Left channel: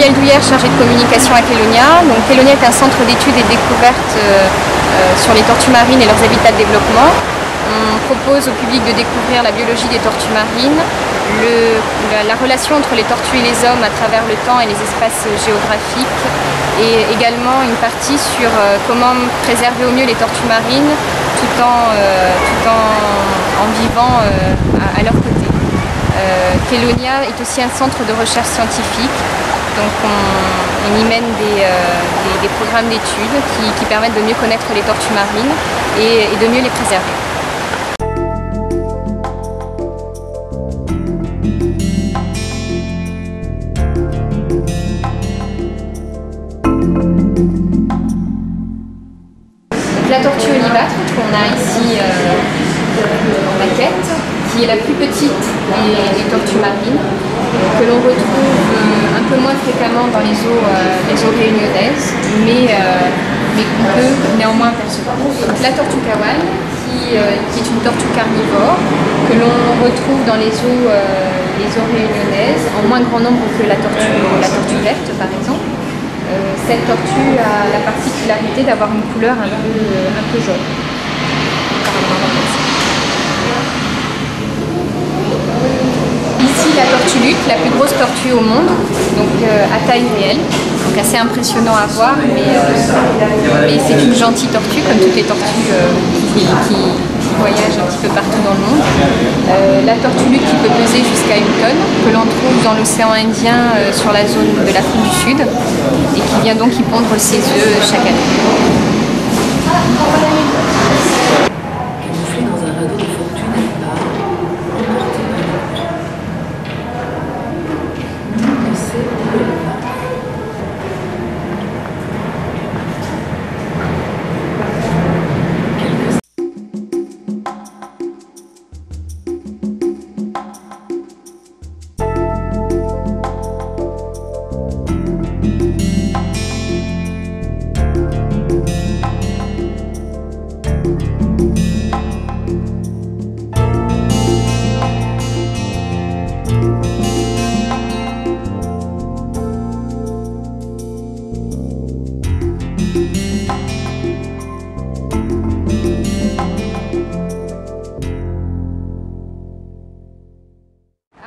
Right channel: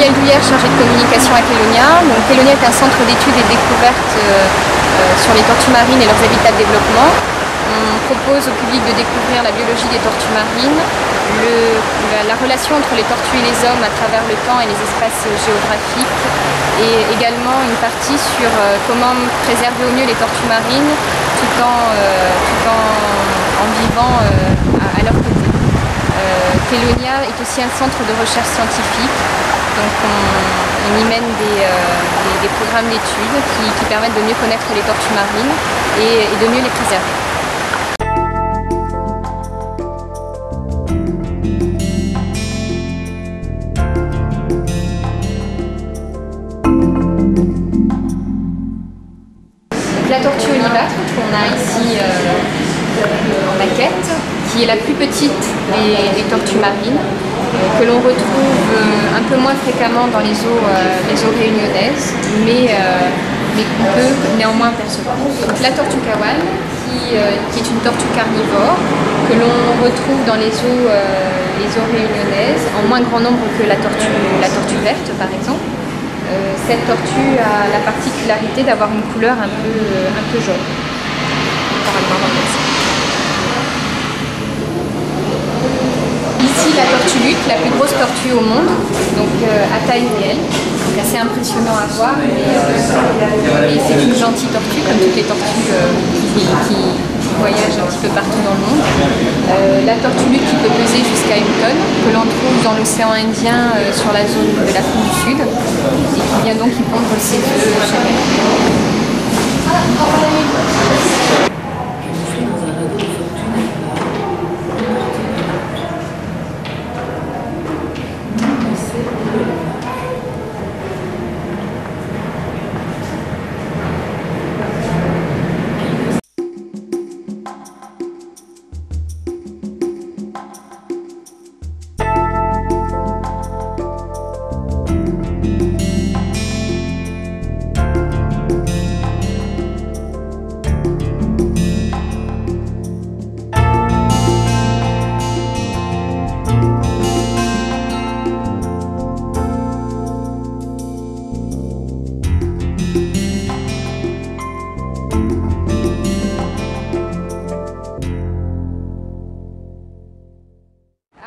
Muriel Douillère, chargée de communication à Kelonia. Donc, Kelonia est un centre d'études et de découvertes sur les tortues marines et leurs habitats de développement. On propose au public de découvrir la biologie des tortues marines, la relation entre les tortues et les hommes à travers le temps et les espaces géographiques, et également une partie sur comment préserver au mieux les tortues marines tout en vivant à leur côté. Kelonia est aussi un centre de recherche scientifique, donc on y mène des programmes d'études qui permettent de mieux connaître les tortues marines et de mieux les préserver. La tortue olivâtre qu'on a ici en maquette, qui est la plus petite des tortues marines, que l'on retrouve un peu moins fréquemment dans les eaux réunionnaises, mais qu'on peut néanmoins percevoir. La tortue kawal, qui est une tortue carnivore, que l'on retrouve dans les eaux réunionnaises, en moins grand nombre que la tortue verte par exemple. Cette tortue a la particularité d'avoir une couleur un peu jaune. Ici la tortue lutte, la plus grosse tortue au monde, donc à taille réelle, donc assez impressionnant à voir, mais c'est une gentille tortue comme toutes les tortues qui voyagent un petit peu partout dans le monde. La tortue lutte qui peut peser jusqu'à 1 tonne, que l'on trouve dans l'océan Indien sur la zone de l'Afrique du Sud et qui vient donc y pondre ses œufs chaque année.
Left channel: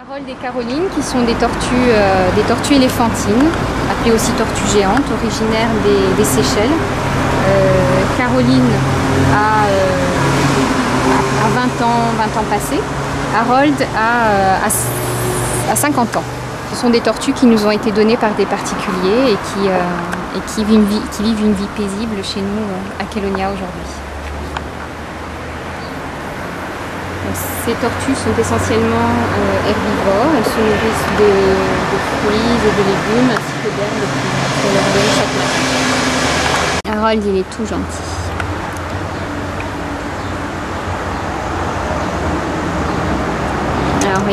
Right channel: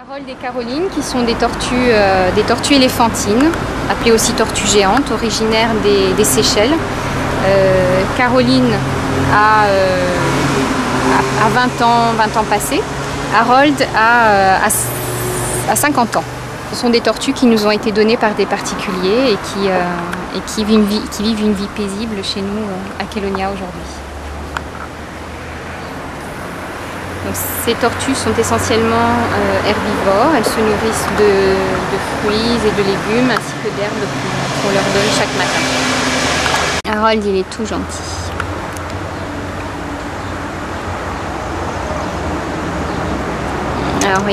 Harold et Caroline, qui sont des tortues éléphantines, appelées aussi tortues géantes, originaires des Seychelles. Caroline a 20 ans passés. Harold a 50 ans. Ce sont des tortues qui nous ont été données par des particuliers et qui vivent une vie paisible chez nous à Kelonia aujourd'hui. Ces tortues sont essentiellement herbivores. Elles se nourrissent de fruits et de légumes ainsi que d'herbes qu'on leur donne chaque matin. Harold, il est tout gentil. Alors,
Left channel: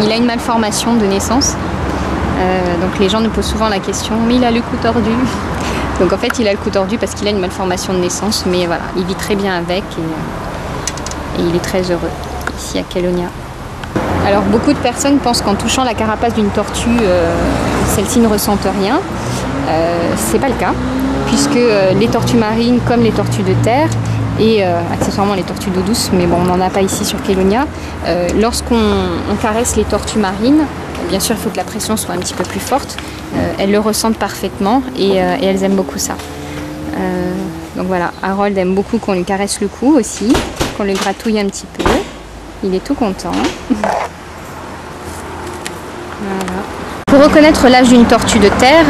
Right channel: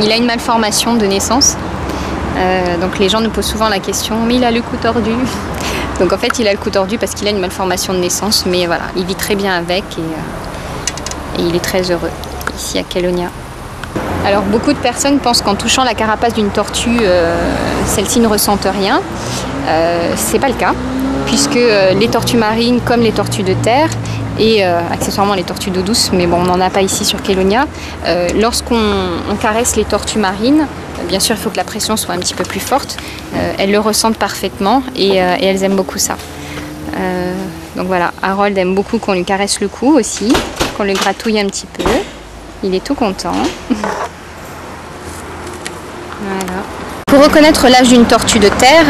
il a une malformation de naissance. Donc les gens nous posent souvent la question, mais il a le cou tordu. Donc en fait, il a le cou tordu parce qu'il a une malformation de naissance, mais voilà, il vit très bien avec et il est très heureux ici à Kelonia. Alors beaucoup de personnes pensent qu'en touchant la carapace d'une tortue, celle-ci ne ressentent rien. C'est pas le cas, puisque les tortues marines, comme les tortues de terre, et accessoirement les tortues d'eau douce, mais bon, on n'en a pas ici sur Kelonia, lorsqu'on caresse les tortues marines, bien sûr il faut que la pression soit un petit peu plus forte, elles le ressentent parfaitement et elles aiment beaucoup ça. Donc voilà, Harold aime beaucoup qu'on lui caresse le cou aussi, qu'on le gratouille un petit peu. Il est tout content. Voilà. Pour reconnaître l'âge d'une tortue de terre,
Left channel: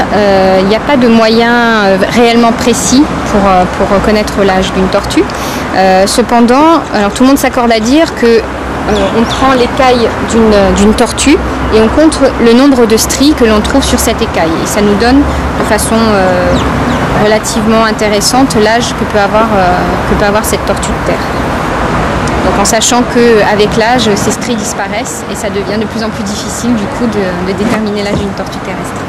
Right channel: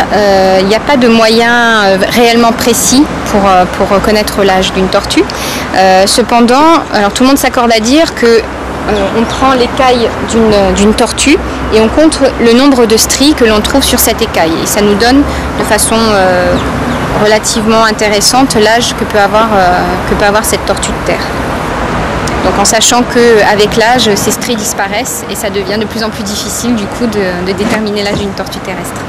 il n'y a pas de moyen réellement précis pour reconnaître l'âge d'une tortue. Cependant, alors tout le monde s'accorde à dire que on prend l'écaille d'une tortue et on compte le nombre de stries que l'on trouve sur cette écaille. Et ça nous donne de façon relativement intéressante l'âge que peut avoir cette tortue de terre. Donc en sachant qu'avec l'âge, ces stries disparaissent et ça devient de plus en plus difficile du coup de déterminer l'âge d'une tortue terrestre.